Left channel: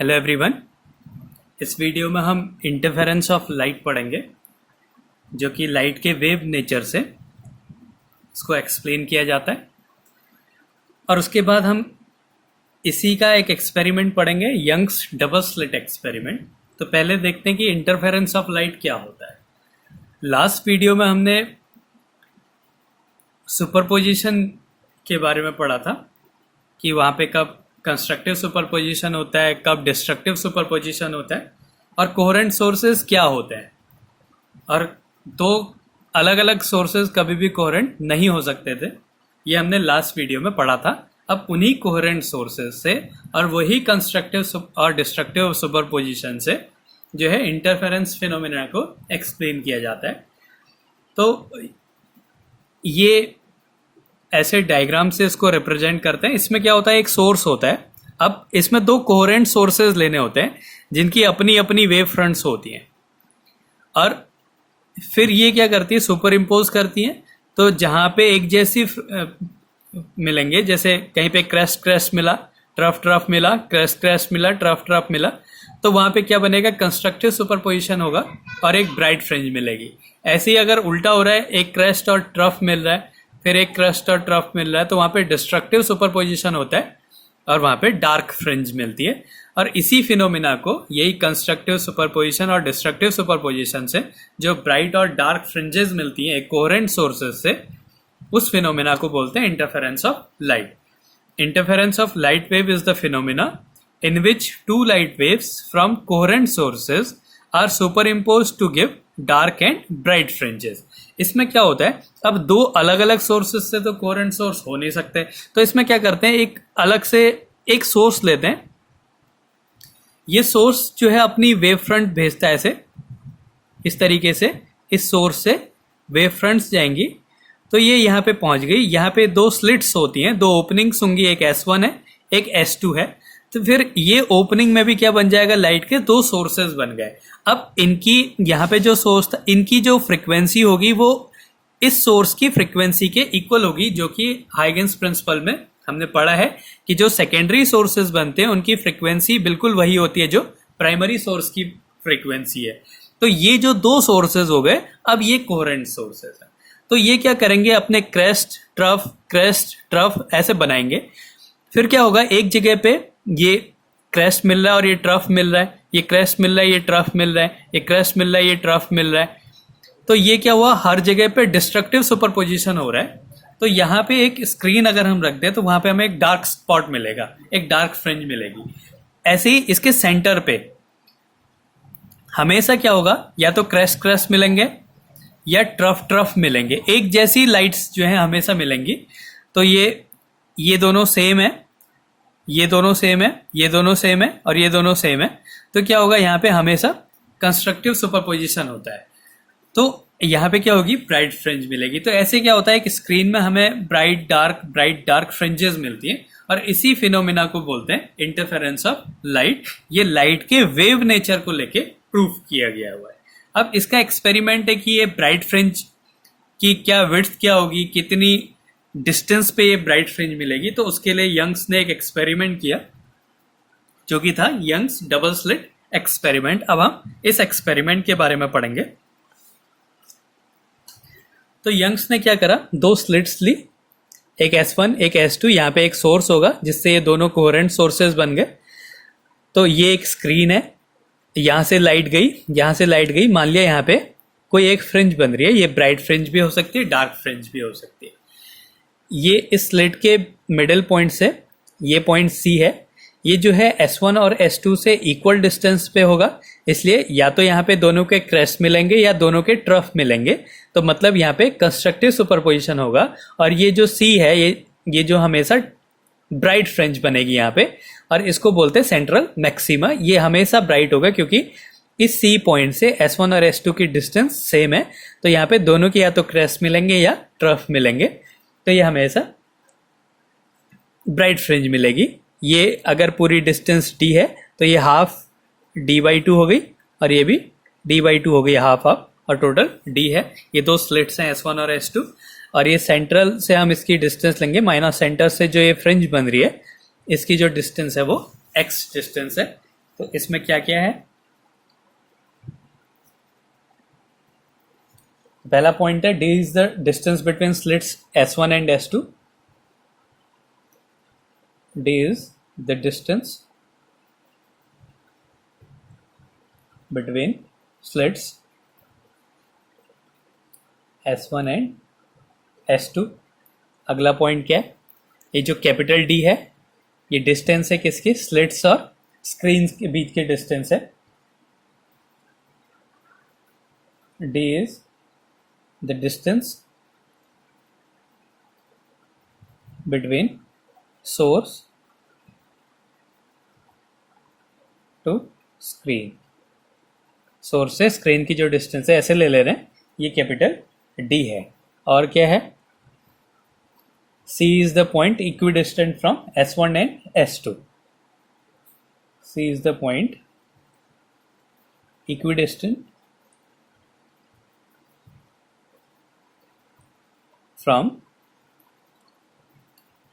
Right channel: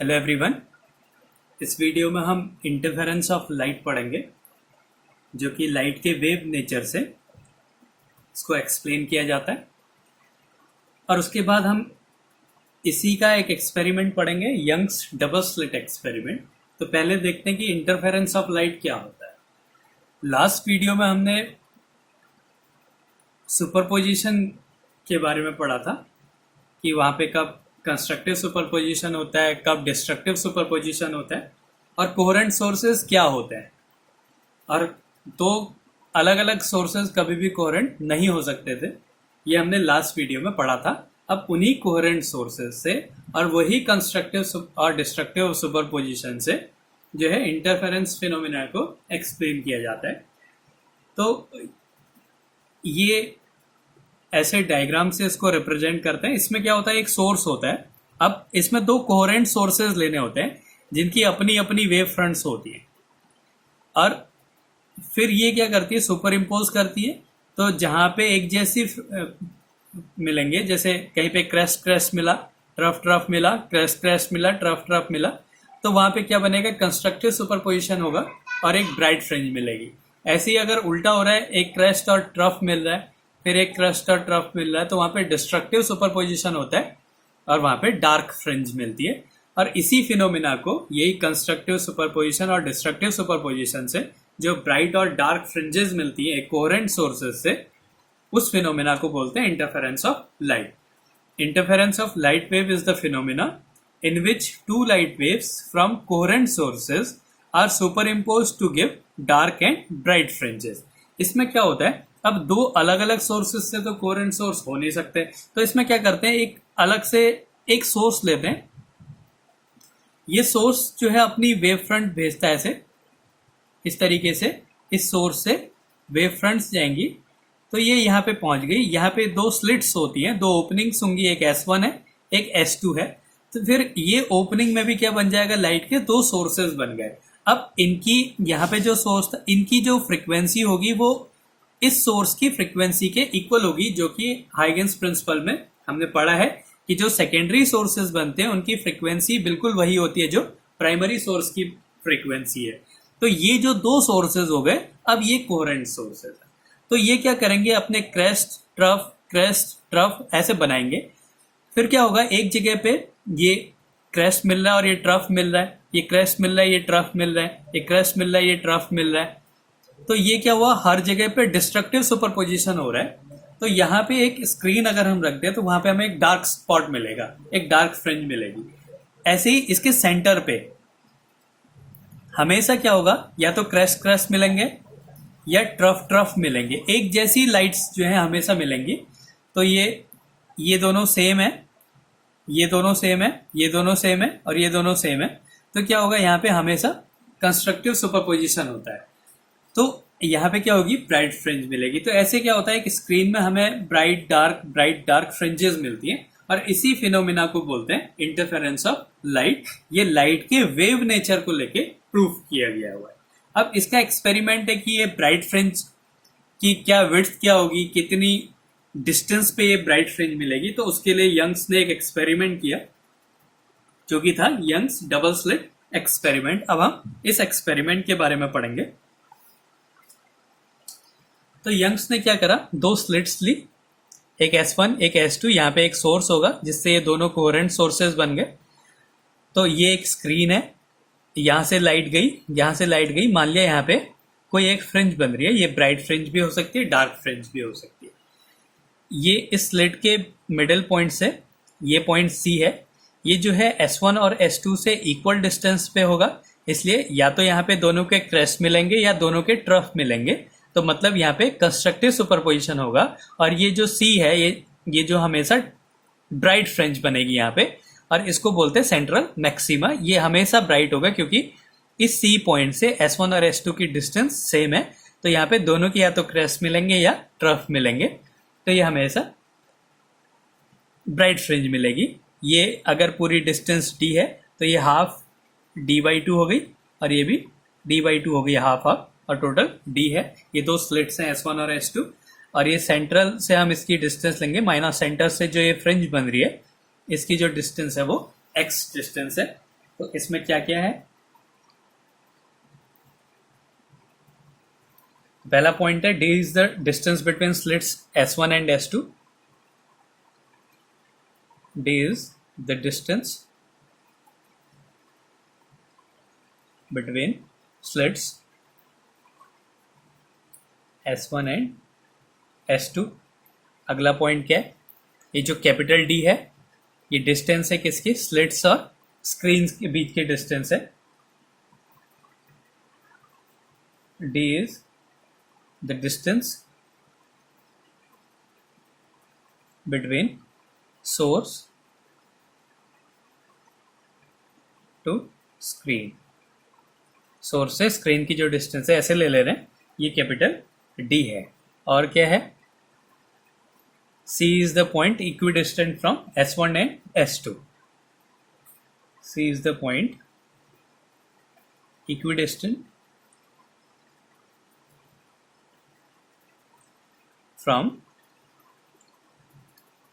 Hello everyone. इस video में हम इंटरफेरेंस ऑफ लाइट पढ़ेंगे, जो कि लाइट के वेव नेचर से इसको एक्सप्लेन किया जाता है। और उसके बाद हम इसी का एक एक्सपेरिमेंट पढ़ेंगे, यंग्स डबल स्लिट एक्सपेरिमेंट। तो पहले देखते हैं कि इंटरफेरेंस ऑफ लाइट क्या होता है। लास्ट वीडियो में हमने सुपरपोजिशन के बारे में पढ़ा था कि वहाँ पे कब कंस्ट्रक्टिव सुपरपोजिशन होता है, कब डिस्ट्रक्टिव सुपरपोजिशन होता है, और कोहेरेंट सोर्सेज क्या होते हैं। और दो अलग अलग सोर्सेज कभी भी कोहेरेंट नहीं हो सकते थे, ये हमने लास्ट वीडियो में पढ़ा था। अब उन्हीं कोहेरेंट सोर्सेज से और वही कंस्ट्रक्टिव और डिस्ट्रक्टिव सुपरपोजिशन से जो है इंटरफेरेंस फिनोमिना को एक्सप्लेन किया जाता है। तो ये ऐसे डायग्राम से इसको रिप्रेजेंट करते हैं। इसमें क्या होता है, एक सोर्स होता है। अब इसमें दो कोहेरेंट सोर्सेज लेने होते हैं जिनकी अपनी अपनी वेव फ्रंट्स होती हैं, और फिर ये क्या करती है, सुपर इम्पोज करती हैं। तो जहां पे एक जैसी मिलेंगे, जैसे कहीं पे क्रेस्ट क्रेस्ट मिला, ट्रफ ट्रफ मिला, क्रेस्ट क्रेस्ट मिला, ट्रफ ट्रफ मिला, तो वहां पे क्या बनेगा, कंस्ट्रक्टिव सुपरपोजिशन होगा और एक ब्राइट फ्रिंज मिलेगी। ऐसे ही अगर उल्टा हो रहा है, एक क्रेस्ट और ट्रफ मिल रहा है, फिर एक क्रेस्ट और ट्रफ मिल रहा है, तो वहां पे डिस्ट्रक्टिव सुपरपोजिशन होता है और वहां पे डार्क फ्रिंज मिलती है। और इसी फिनोमिना को, यही कंस्ट्रक्टिव सुपरपोजिशन और डिस्ट्रक्टिव सुपरपोजिशन से जो ब्राइट और डार्क फ्रिंजेस मिलती हैं कोहेरेंट सोर्सेज से, उस फिनोमिना को बोलते हैं interference of light. Interference of light wave is the phenomena in which two light waves from coherent sources are superimposed to give dark and bright fringes। इसमें क्या होता है, अब दो अलग अलग सोर्सेज से तो कोहेरेंट सोर्स हो नहीं सकते, तो इसमें क्या करते हैं, एक अलग से एक सोर्स लेते हैं। ये सोर्स जो है अपनी वेव फ्रंट भेजता है ऐसे, इस तरीके से इस सोर्स से वेव फ्रंट्स जाएंगी। तो ये यहाँ पे पहुंच गई। यहाँ पे दो स्लिट्स होती हैं, दो ओपनिंग्स होंगी, एक S1 है, एक S2 है। तो फिर ये ओपनिंग में भी क्या बन जाएगा, लाइट के दो सोर्सेज बन गए। अब इनकी यहाँ पे जो सोर्स था, इनकी जो फ्रीक्वेंसी होगी वो इस सोर्स की फ्रीक्वेंसी के इक्वल होगी, जो कि हाइगेंस प्रिंसिपल में हमने पढ़ा है कि जो सेकेंडरी सोर्सेज बनते हैं उनकी फ्रीक्वेंसी बिल्कुल वही होती है जो प्राइमरी सोर्स की फ्रीक्वेंसी है। तो ये जो दो सोर्सेज हो गए, अब ये कोहेरेंट सोर्सेज है। तो ये क्या करेंगे, अपने क्रेस्ट ट्रफ ऐसे बनाएंगे। फिर क्या होगा, एक जगह पे ये क्रेस्ट मिल रहा है और ये ट्रफ मिल रहा है, ये क्रेस्ट मिल रहा है, ये ट्रफ मिल रहा है, ये क्रेस्ट मिल रहा है, ये ट्रफ मिल रहा है। तो ये क्या हुआ, हर जगह पे डिस्ट्रक्टिव सुपरपोजिशन हो रहा है। तो यहाँ पे एक स्क्रीन अगर हम रख दें तो वहां पे हमें एक डार्क स्पॉट मिलेगा, एक डार्क फ्रिंज मिलेगी। ऐसे ही इसके सेंटर पे हमेशा क्या होगा, या तो क्रेस्ट क्रेस्ट मिलेंगे या ट्रफ ट्रफ मिलेंगे। एक जैसी लाइट्स जो है हमेशा मिलेंगी। तो ये दोनों सेम है, ये दोनों सेम है, ये दोनों सेम है और ये दोनों सेम है। तो क्या होगा, यहाँ पे हमेशा कंस्ट्रक्टिव सुपरपोजिशन होता है। तो यहाँ पे क्या होगी, ब्राइट फ्रिंज मिलेगी। तो ऐसे क्या होता है कि स्क्रीन में हमें ब्राइट डार्क फ्रिंजेस मिलती हैं, और इसी फिनोमिना को बोलते हैं इंटरफेरेंस ऑफ लाइट। ये लाइट के वेव नेचर को लेके प्रूफ किया गया हुआ है। अब इसका एक्सपेरिमेंट है कि ये ब्राइट फ्रिंज की क्या विड्थ क्या होगी, कितनी डिस्टेंस पे ये ब्राइट फ्रिंज मिलेगी। तो उसके लिए यंग्स ने एक एक्सपेरिमेंट किया, जो कि था यंग्स डबल स्लिट एक्सपेरिमेंट। अब हम इस एक्सपेरिमेंट के बारे में पढ़ेंगे। तो यंग्स ने क्या करा, दो स्लिट्स ली, एक S1 एक S2। यहाँ पे एक सोर्स होगा जिससे ये दोनों कोहेरेंट सोर्सेज बन गए। तो ये एक स्क्रीन है, यहां से लाइट गई, यहां से लाइट गई। मान लिया यहाँ पे कोई एक फ्रिंज बन रही है, ये ब्राइट फ्रिंज भी हो सकती है, डार्क फ्रिंज भी हो सकती है। ये इस स्लिट के मिडिल पॉइंट से, ये पॉइंट C है, ये जो है S1 और S2 से इक्वल डिस्टेंस पे होगा। इसलिए या तो यहाँ पे दोनों के क्रेस्ट मिलेंगे या दोनों के ट्रफ मिलेंगे। तो मतलब यहाँ पे कंस्ट्रक्टिव सुपरपोजिशन होगा। और ये जो C है, ये जो हमेशा ब्राइट फ्रिंज बनेगी यहाँ पे, और इसको बोलते हैं सेंट्रल मैक्सिमा। ये हमेशा ब्राइट होगा क्योंकि इस C पॉइंट से S1 और S2 की डिस्टेंस सेम है। तो यहाँ पे दोनों के या तो क्रेस्ट मिलेंगे या ट्रफ मिलेंगे। तो ये हमेशा ब्राइट फ्रिंज मिलेगी। ये अगर पूरी डिस्टेंस d है तो ये हाफ d/2 हो गई, और ये भी d/2 हो गई, हाफ हाफ, और टोटल d है। ये दो स्लिट्स हैं S1 और S2, और ये सेंट्रल से हम इसकी डिस्टेंस लेंगे, माइनस सेंटर से जो ये फ्रिंज बन रही है इसकी जो डिस्टेंस है वो x डिस्टेंस है। तो इसमें क्या क्या है? पहला पॉइंट है d is the distance between slits S1 and S2. d is the distance between slits S1 and S2. अगला पॉइंट क्या है? ये जो कैपिटल D है ये डिस्टेंस है किसकी? स्लिट्स और स्क्रीन के बीच के डिस्टेंस है. D is the distance between source to screen. Source से स्क्रीन की जो डिस्टेंस है ऐसे ले ले रहे हैं, ये कैपिटल D है. और क्या है? C is the point equidistant from S1 and S2. C is the point equidistant from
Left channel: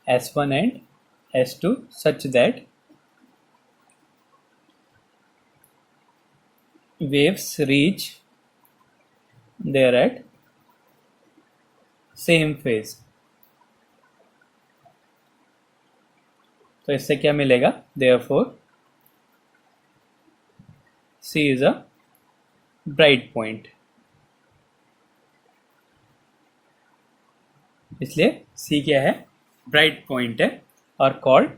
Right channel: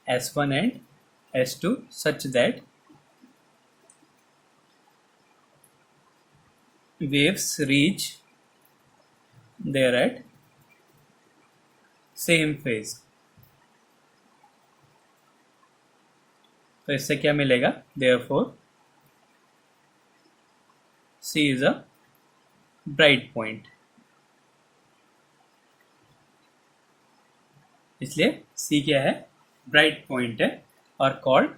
S1 and S2 such that waves reach there at same phase. तो इससे क्या मिलेगा? Therefore, C is a bright point. इसलिए C क्या है? Bright point है और called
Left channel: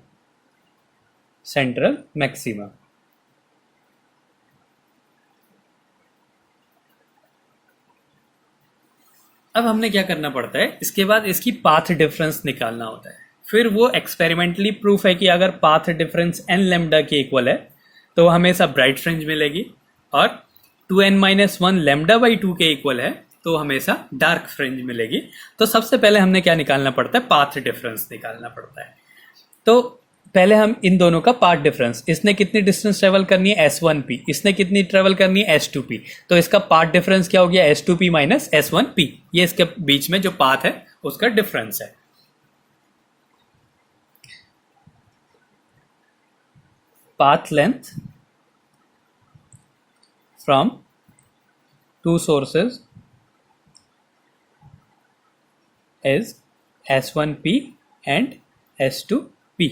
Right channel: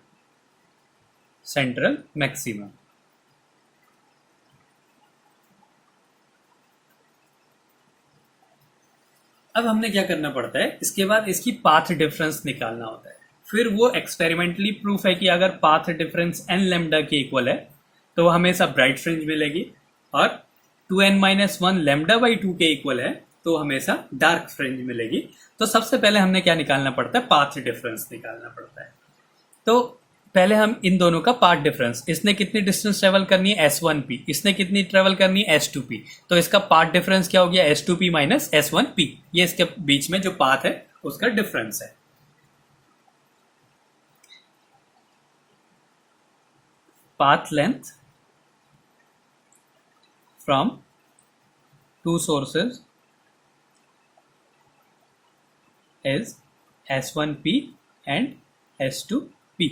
central maxima. अब हमने क्या करना पड़ता है? इसके बाद इसकी पाथ डिफरेंस निकालना होता है. फिर वो एक्सपेरिमेंटली प्रूफ है कि अगर पाथ डिफरेंस n लैम्डा के इक्वल है तो हमेशा ब्राइट फ्रिंज मिलेगी, और 2n-1 लैम्डा बाई 2 के इक्वल है तो हमेशा डार्क फ्रिंज मिलेगी. तो सबसे पहले हमने क्या निकालना पड़ता है? पाथ डिफरेंस निकालना पड़ता है. तो पहले हम इन दोनों का पाथ डिफरेंस, इसने कितनी डिस्टेंस ट्रेवल करनी है? S1p. इसने कितनी ट्रेवल करनी है? S2p. तो इसका पाथ डिफरेंस क्या हो गया? S2p minus S1p. ये इसके बीच में जो पाथ है उसका डिफरेंस है. Path length from two sources is S1p and S2p.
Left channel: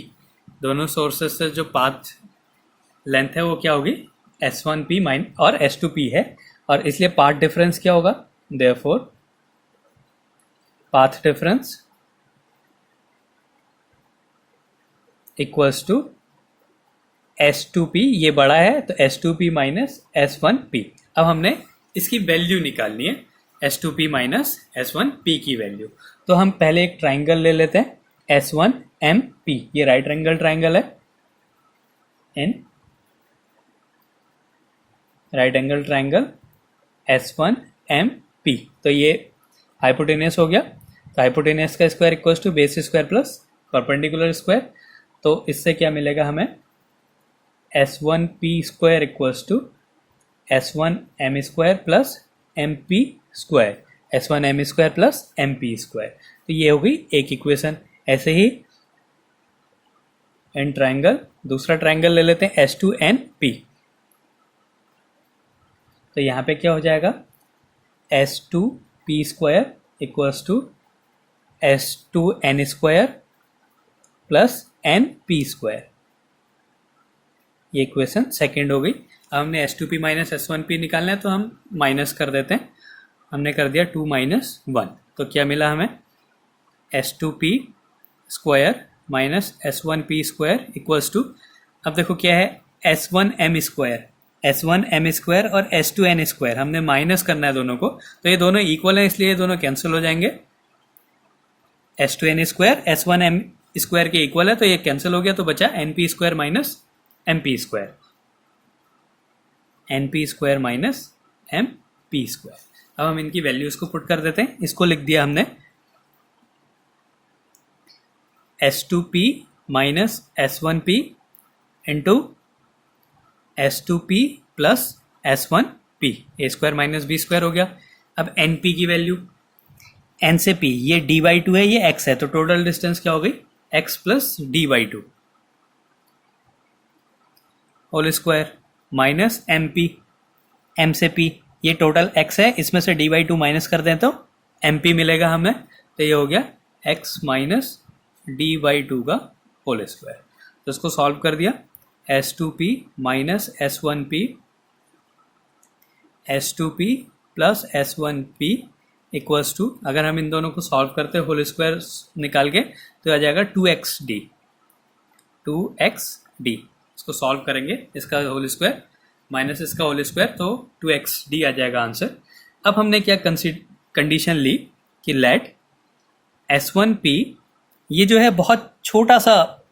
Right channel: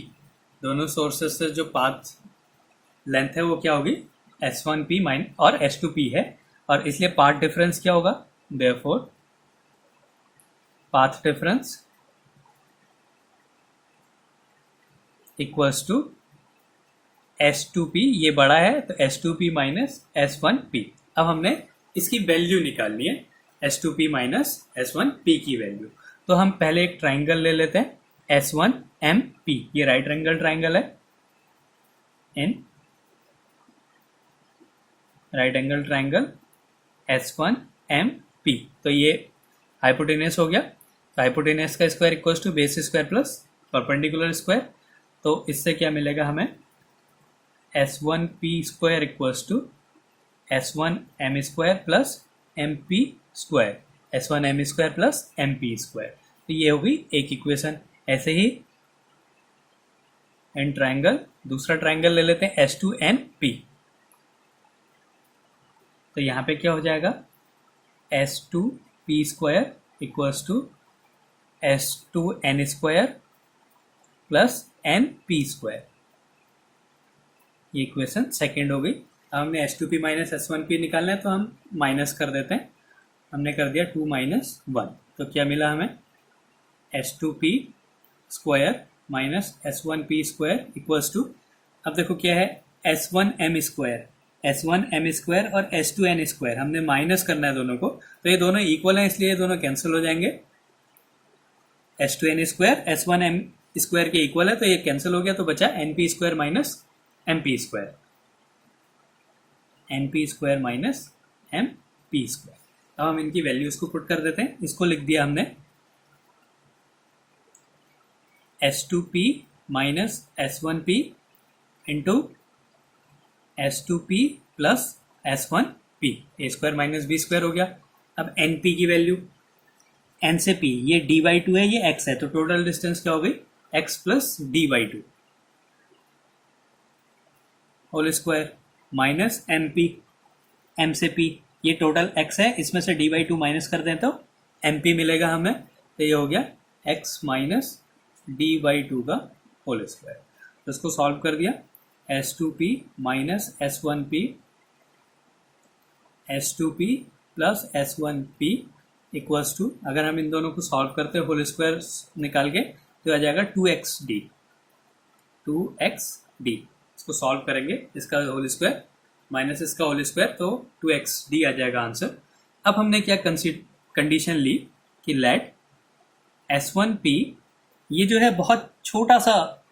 दोनों सोर्सेज से जो पाथ लेंथ है वो क्या होगी? S1p माइन और S2p है, और इसलिए पाथ डिफरेंस क्या होगा? Therefore path difference equals to S2p. ये बड़ा है तो S2p माइनस S1p. अब हमने इसकी वैल्यू निकालनी है, S2p माइनस S1p की वैल्यू. तो हम पहले एक ट्राइंगल ले लेते हैं, S1MP. ये राइट एंगल ट्राइंगल है, in right angle triangle S1MP. तो ये हाइपोटेनस हो गया. तो हाइपोटेनस का square equals to base square plus perpendicular square. तो इससे क्या मिलेगा हमें? S1p square equals to S1m square plus MP square. S1m square plus MP square. तो ये होगी एक इक्वेशन. ऐसे ही इन ट्राइंगल दूसरा ट्राइंगल ले लेते हैं, S2np. तो यहां पे क्या हो जाएगा? S2p square equals to S2n square plus np square. ये इक्वेशन सेकेंड हो गई. अब हमने S2p माइनस S1p निकालना है तो हम माइनस कर देते हैं. हमने कर दिया 2 माइनस 1. तो क्या मिला हमें? S2p square minus S1p square equals to, अब देखो क्या है? S1m स्क्वायर, S1m स्क्वायर और S2n स्क्वायर हमने माइनस करना है दोनों को. तो ये दोनों इक्वल हैं इसलिए ये दोनों कैंसिल हो जाएंगे. S2n स्क्वायर S1m स्क्वायर के इक्वल है तो ये कैंसिल हो गया. तो बचा np square minus mp square. np square minus mp square. अब हम इनकी वैल्यूज को पुट कर देते हैं. इसको लिख दिया हमने S2p minus S1p into S2p plus S1p. ए स्क्वायर माइनस बी स्क्वायर हो गया. अब np की वैल्यू, n से p, ये d/2 है, ये x है, तो टोटल डिस्टेंस क्या हो गई? x plus d/2. Whole square minus M P, M से पी, ये टोटल एक्स है, इसमें से डी बाई टू माइनस कर दें तो एम पी मिलेगा हमें, तो ये हो गया X minus D by two का होल स्क्वायर। तो इसको सॉल्व कर दिया, S two P minus S one P, S two P plus S one P equals to, अगर हम इन दोनों को सॉल्व करते हैं होल स्क्वायर निकाल के तो आ जाएगा two X D, two X D. इसको सॉल्व करेंगे, इसका होल स्क्वायर माइनस इसका होल स्क्वायर, तो टू एक्स डी आ जाएगा आंसर। अब हमने क्या कंडीशन ली कि लेट एस वन पी, ये जो है बहुत छोटा सा,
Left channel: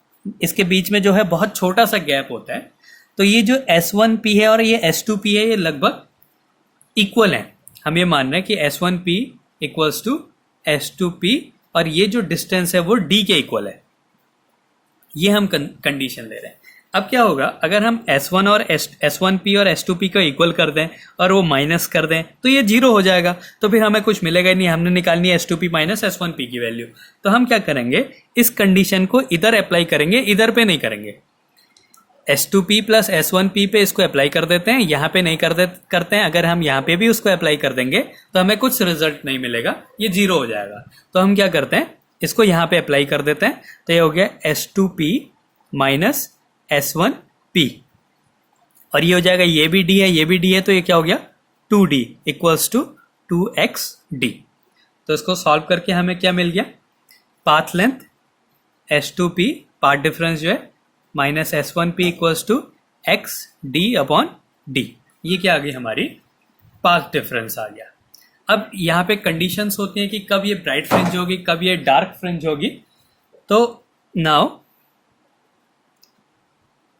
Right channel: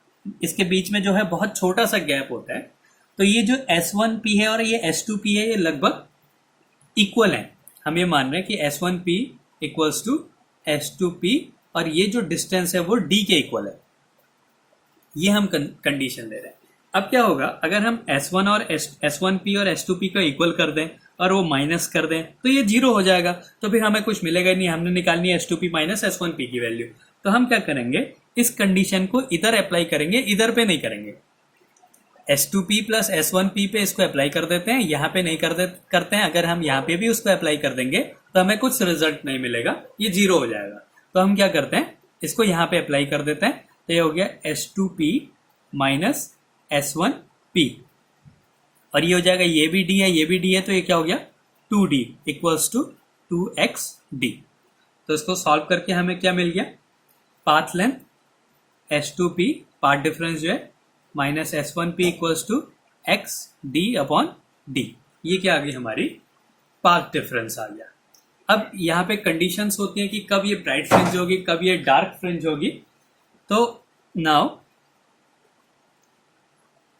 इसके बीच में जो है बहुत छोटा सा गैप होता है, तो ये जो एस वन पी है और ये एस टू पी है ये लगभग इक्वल है। हम ये मान रहे हैं कि S one P equals to S two P और ये जो डिस्टेंस है वो डी के इक्वल है, ये हम कंडीशन ले रहे हैं। अब क्या होगा अगर हम S1 और S1P और S2P को इक्वल कर दें और वो माइनस कर दें तो ये जीरो हो जाएगा, तो फिर हमें कुछ मिलेगा ही नहीं, हमने निकालनी है S2P माइनस S1P की वैल्यू। तो हम क्या करेंगे, इस कंडीशन को इधर अप्लाई करेंगे, इधर पे नहीं करेंगे। S2P प्लस S1P पे इसको अप्लाई कर देते हैं, यहाँ पे नहीं करते हैं। अगर हम यहाँ पे भी उसको अप्लाई कर देंगे तो हमें कुछ रिजल्ट नहीं मिलेगा, ये जीरो हो जाएगा। तो हम क्या करते हैं, इसको यहाँ पे अप्लाई कर देते हैं, तो ये हो गया S2P माइनस S1P और ये हो जाएगा, ये भी D है ये भी D है, तो ये क्या हो गया 2D इक्वल्स टू 2XD। तो इसको सॉल्व करके हमें क्या मिल गया, path length S2P path difference जो है minus S1P equals to XD upon D। ये क्या आ गई हमारी पाथ डिफरेंस आ गया। अब यहाँ पे कंडीशंस होती हैं कि कब ये ब्राइट फ्रिंज होगी कब ये डार्क फ्रिंज होगी। तो now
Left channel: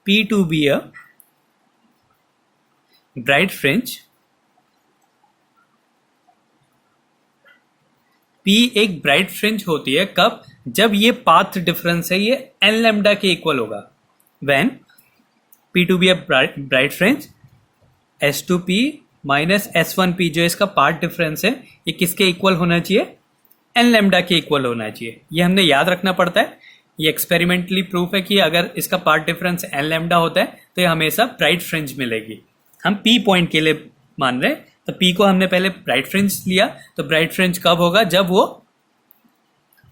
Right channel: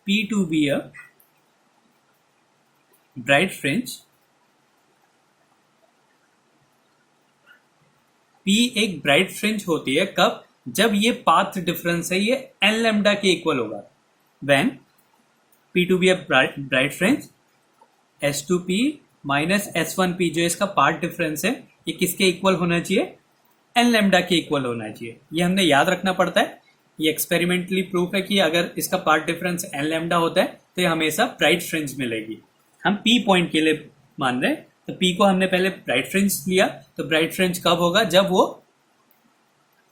P to be a bright fringe, P एक ब्राइट फ्रिंज होती है कब, जब ये पाथ डिफरेंस है ये n लैम्डा के इक्वल होगा। When P to be a bright fringe, S2P minus S1P जो इसका पाथ डिफरेंस है ये किसके इक्वल होना चाहिए, n लैम्डा के इक्वल होना चाहिए। ये हमने याद रखना पड़ता है, ये एक्सपेरिमेंटली प्रूफ है कि अगर इसका पार्ट डिफरेंस n लैम्डा होता है तो ये हमेशा ब्राइट फ्रिंज मिलेगी। हम P पॉइंट के लिए मान रहे हैं, तो P को हमने पहले ब्राइट फ्रिंज लिया, तो ब्राइट फ्रिंज कब होगा, जब वो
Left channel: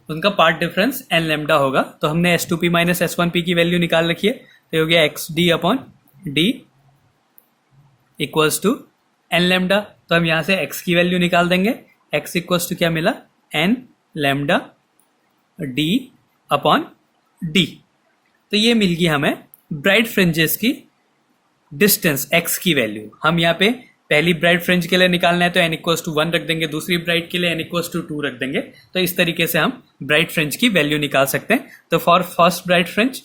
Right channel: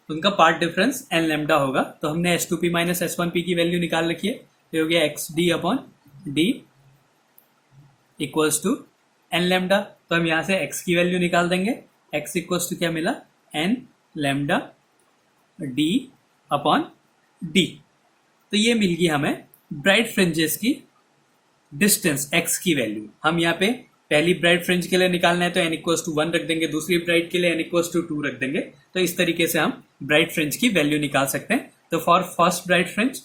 उनका पार्ट डिफरेंस n लैम्डा होगा। तो हमने S2P माइनस S1P की वैल्यू निकाल रखी है, तो हो गया XD upon D equals to n lambda. तो हम यहाँ से x की वैल्यू निकाल देंगे, x इक्वल्स टू क्या मिला, n lambda D upon D। तो ये मिल गई हमें ब्राइट फ्रिंजेस की डिस्टेंस x की वैल्यू। हम यहाँ पे पहली ब्राइट फ्रिंज के लिए निकालना है तो n इक्वल्स टू 1 रख देंगे, दूसरी ब्राइट के लिए n इक्वल्स टू 2 रख देंगे। तो इस तरीके से हम ब्राइट फ्रिंज की वैल्यू निकाल सकते हैं। तो for first bright fringe,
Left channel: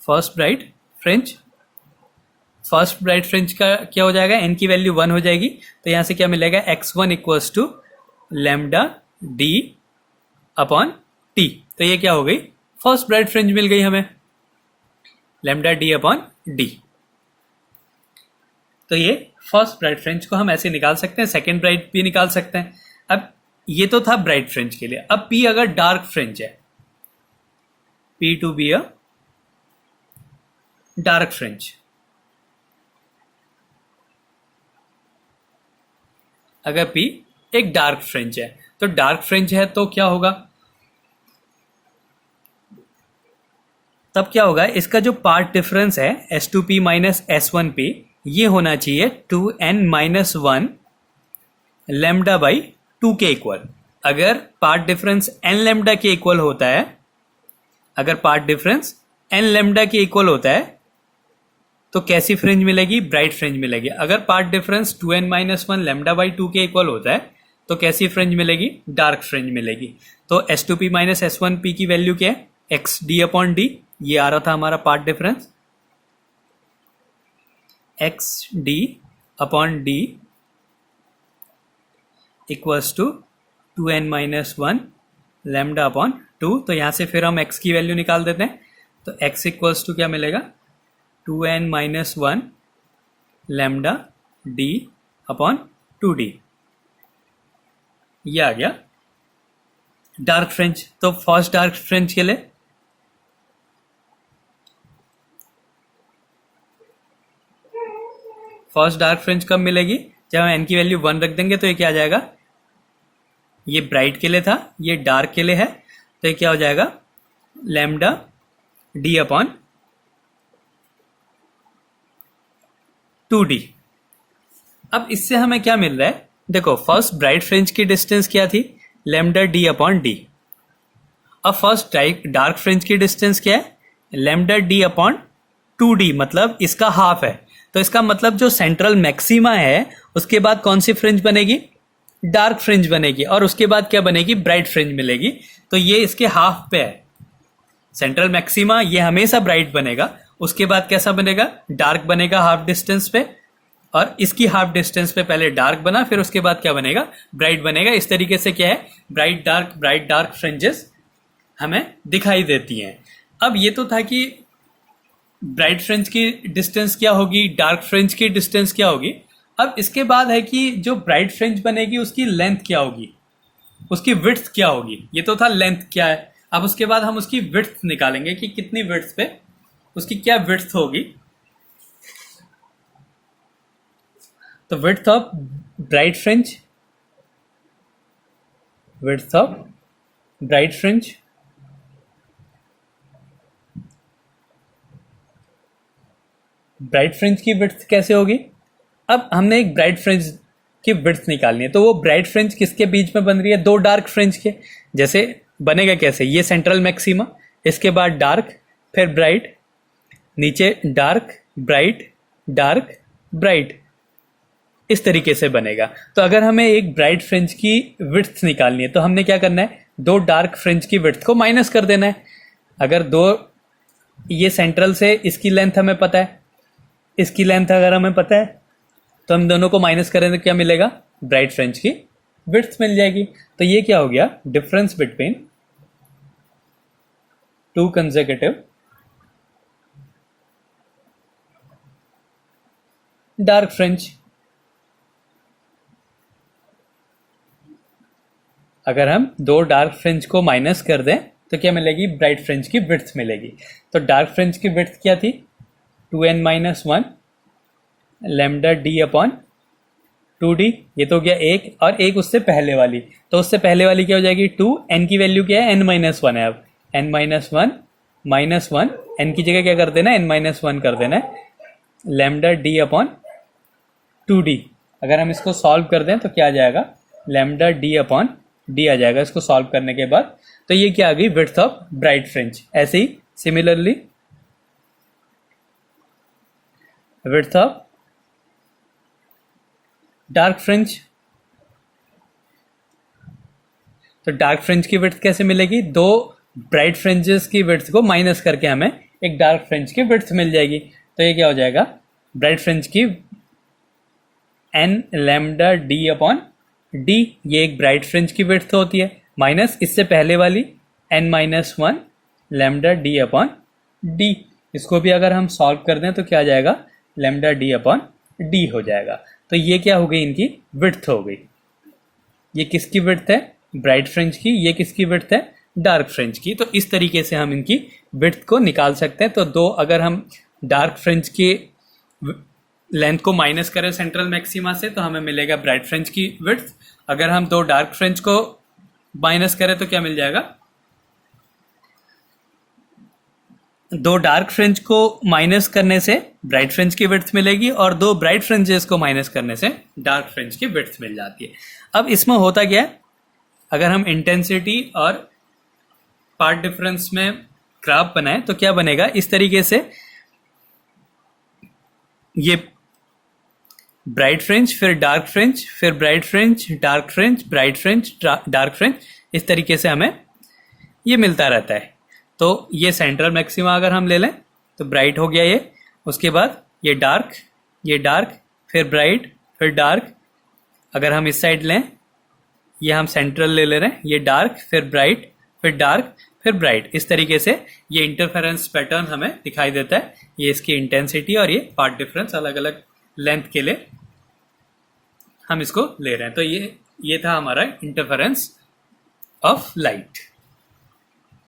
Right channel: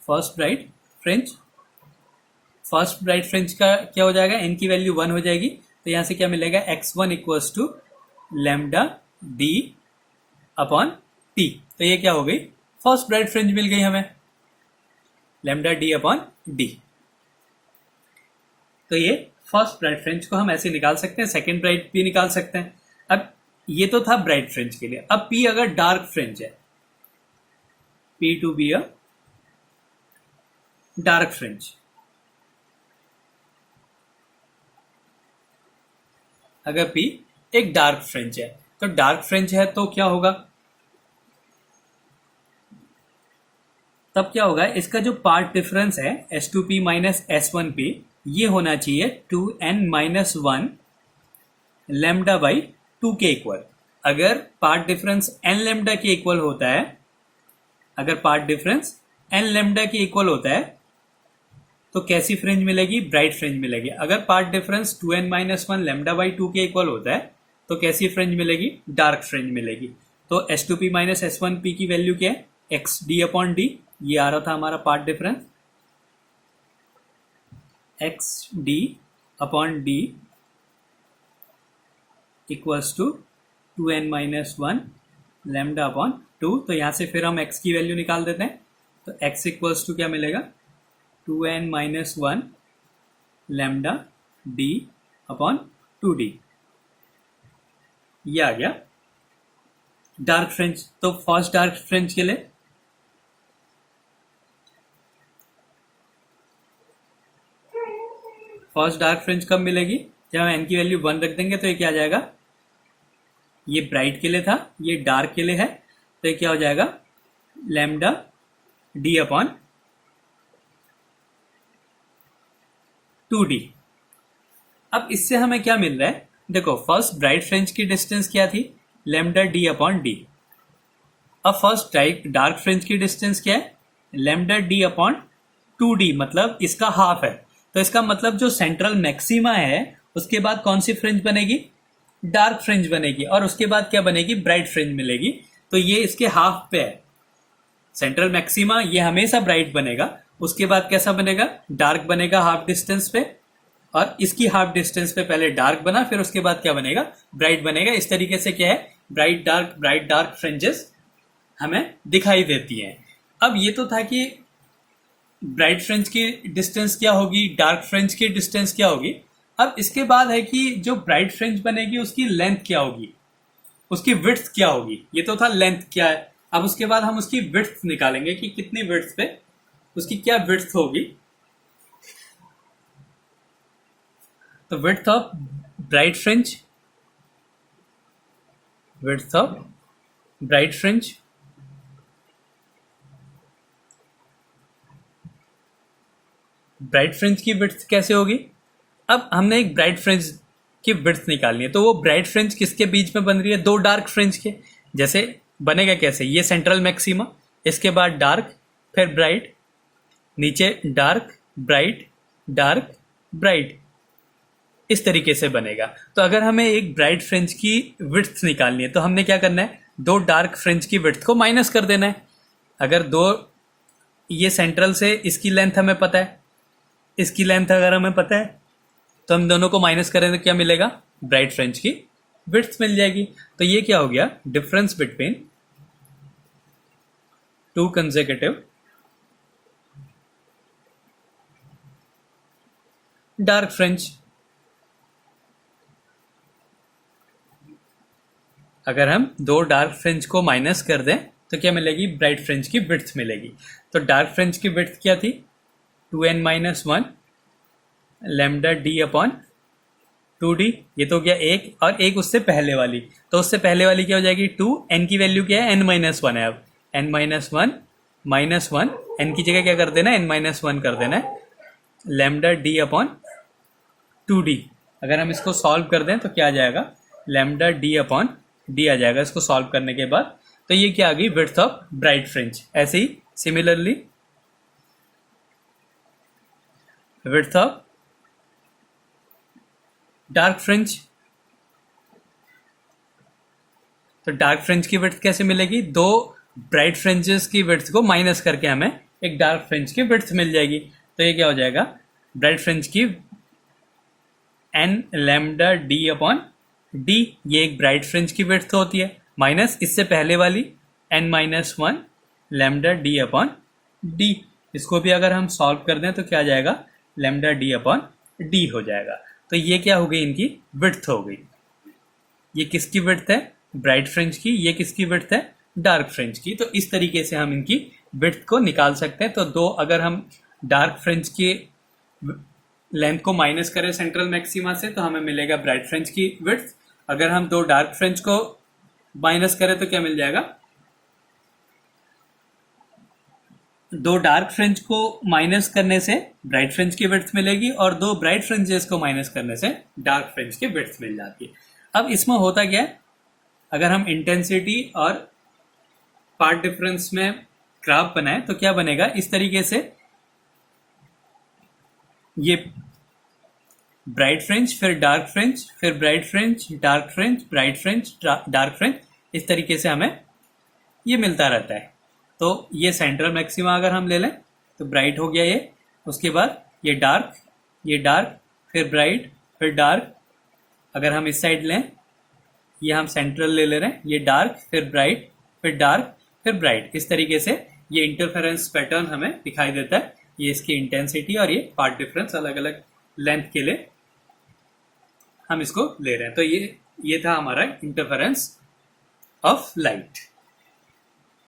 first bright fringe का क्या हो जाएगा, n की वैल्यू 1 हो जाएगी। तो यहां से क्या मिलेगा, x1 equals to lambda d upon t। तो ये क्या हो गई, फर्स्ट ब्राइट फ्रिंज मिल गई हमें, लैम्डा d अपॉन d। तो ये फर्स्ट ब्राइट फ्रिंज को हम ऐसे निकाल सकते हैं, सेकेंड ब्राइट भी निकाल सकते हैं। अब ये तो था ब्राइट फ्रिंज के लिए। अब P अगर डार्क फ्रिंज है, P to be a dark fringe, अगर P एक डार्क फ्रिंज है, तो डार्क फ्रिंज है तो क्या होगा, तब क्या होगा, इसका जो पार्ट डिफरेंस है S2P माइनस S1P ये होना चाहिए 2n माइनस 1 लैम्डा बाई 2 के इक्वल। अगर पार्ट डिफरेंस n लैम्डा के इक्वल होता है, अगर पार्ट डिफरेंस n लैम्डा के इक्वल होता है तो कैसी फ्रिंज मिलेगी, ब्राइट फ्रिंज मिलेगी। अगर path difference 2n minus 1 lambda by 2 के इक्वल होता है तो कैसी फ्रिंज मिलेगी, डार्क फ्रिंज मिलेगी। तो S2P माइनस S1P की वैल्यू क्या है, XD अपॉन D, ये आ रहा था हमारा path difference, XD upon D equals to 2n minus 1 lambda upon 2। तो यहां से फिर हम x की वैल्यू निकाल देते हैं, तो x इक्वल्स टू क्या मिलेगा, 2n minus 1 lambda d upon 2d। ये आ गया डार्क फ्रिंज। तो फर्स्ट डार्क फ्रिंज के लिए फर्स्ट डार्क फ्रिंज कब मिलेगी? जब हम एन की वैल्यू 1 रख देंगे तो ये क्या आ जाएगा? ये ब्राइट के लिए था, ये डार्क के लिए है, तो ये क्या हो जाएगा? Lambda D upon 2d। अब इससे हमें क्या मिल रहा है? देखो, फर्स्ट ब्राइट फ्रिंज की डिस्टेंस क्या थी? Lambda D upon D. अब फर्स्ट डार्क फ्रिंज की डिस्टेंस क्या है? लैम्डा डी अपॉन 2d, मतलब इसका हाफ है। तो इसका मतलब जो सेंट्रल मैक्सिमा है उसके बाद कौन सी फ्रिंज बनेगी? डार्क फ्रिंज बनेगी, और उसके बाद क्या बनेगी? ब्राइट फ्रिंज मिलेगी। तो ये इसके हाफ पे है। सेंट्रल मैक्सिमा ये हमेशा ब्राइट बनेगा, उसके बाद कैसा बनेगा? डार्क बनेगा हाफ डिस्टेंस पे, और इसकी हाफ डिस्टेंस पे पहले डार्क बना, फिर उसके बाद क्या बनेगा? ब्राइट बनेगा। इस तरीके से क्या है? ब्राइट डार्क फ्रिंजेस हमें दिखाई देती हैं। अब ये तो था कि ब्राइट फ्रिंज की डिस्टेंस क्या होगी, डार्क फ्रिंज की डिस्टेंस क्या होगी। अब इसके बाद है कि जो ब्राइट फ्रिंज बनेगी उसकी लेंथ क्या होगी, उसकी विड्थ क्या होगी। ये तो था लेंथ क्या है। अब उसके बाद हम उसकी विड्थ निकालेंगे कि कितनी विड्थ पे उसकी क्या विड्थ होगी। तो width of bright fringe, width of bright fringe bright fringe की विड्थ कैसे होगी? अब हमने एक ब्राइट फ्रिंज की विड्थ निकालनी है, तो वो ब्राइट फ्रिंज किसके बीच में बन रही है? दो डार्क फ्रिंज के। जैसे बनेगा कैसे? ये सेंट्रल मैक्सिमा, इसके बाद डार्क, फिर ब्राइट, नीचे डार्क ब्राइट डार्क ब्राइट, इस तरीके से बनेगा। तो अगर हमें एक ब्राइट फ्रिंज की विड्थ निकालनी है तो हमने क्या करना है? दो डार्क फ्रिंज की विड्थ को माइनस कर देना है। अगर दो, ये सेंट्रल से इसकी लेंथ हमें पता है, इसकी लेंथ अगर हमें पता है तो हम दोनों को माइनस करें तो क्या मिलेगा? ब्राइट फ्रिंज की विड्थ मिल जाएगी। तो ये क्या हो गया? Difference between two consecutive dark fringe. अगर हम दो डार्क फ्रिंज को माइनस कर दें तो क्या मिलेगी? ब्राइट फ्रिंज की विड्थ मिलेगी। तो डार्क फ्रिंज की विड्थ क्या थी? 2n-1 lambda D upon 2d। ये तो गया एक, और एक उससे पहले वाली, तो उससे पहले वाली क्या हो जाएगी? 2। n की वैल्यू क्या है? n-1 है। अब n-1 n की जगह क्या कर देना? n-1 कर देना है, लैम्डा डी अपॉन 2d। अगर हम इसको सॉल्व कर दें तो क्या आ जाएगा? लैम्डा डी अपॉन डी आ जाएगा इसको सॉल्व करने के बाद। तो ये क्या आ गई? Width of bright fringe. ऐसे ही similarly width of dark fringe. तो डार्क फ्रिंज की विड्थ कैसे मिलेगी? दो ब्राइट फ्रिंजेस की विड्थ को माइनस करके हमें एक डार्क फ्रिंज की विड्थ मिल जाएगी। तो ये क्या हो जाएगा? ब्राइट फ्रिंज की n lambda D upon D, ये एक ब्राइट फ्रिंज की विड्थ होती है, माइनस इससे पहले वाली n-1 lambda D upon D. इसको भी अगर हम सॉल्व कर दें तो क्या आ जाएगा? लैम्डा डी अपॉन डी हो जाएगा। तो ये क्या हो गई? इनकी विड्थ हो गई। ये किसकी विड्थ है? ब्राइट फ्रिंज की। ये किसकी विड्थ है? डार्क फ्रिंज की। तो इस तरीके से हम इनकी विड्थ को निकाल सकते हैं। तो दो, अगर हम डार्क फ्रिंज की लेंथ को माइनस करें सेंट्रल मैक्सिमा से तो हमें मिलेगा ब्राइट फ्रिंज की विड्थ। अगर हम दो डार्क फ्रिंज को माइनस करें तो क्या मिल जाएगा? दो डार्क फ्रिंज को माइनस करने से ब्राइट फ्रिंज की विड्थ मिलेगी, और दो ब्राइट फ्रिंजेस को माइनस करने से डार्क फ्रिंज की विड्थ मिल जाती है। अब इसमें होता क्या है? अगर हम इंटेंसिटी और पार्ट डिफरेंस में ग्राफ बनाए तो क्या बनेगा? इस तरीके से ये ब्राइट फ्रिंज, फिर डार्क फ्रिंज, फिर bright fringe, dark fringe, bright fringe, dark fringe, इस तरीके से हमें ये मिलता रहता है। तो ये सेंट्रल मैक्सिमा अगर हम ले लें तो ब्राइट हो गया ये, उसके बाद ये डार्क, फिर ब्राइट, फिर डार्क। अगर हम इस साइड लें, ये हम सेंट्रल ले रहे हैं, ये डार्क, फिर ब्राइट, फिर डार्क, फिर ब्राइट। इस तरीके से ये इंटरफेरेंस पैटर्न हमें दिखाई देता है। ये इसकी इंटेंसिटी और ये पार्ट डिफरेंस अलग अलग लेंथ के लिए हम इसको ले रहे हैं। तो ये था हमारा इंटरफेरेंस ऑफ लाइट।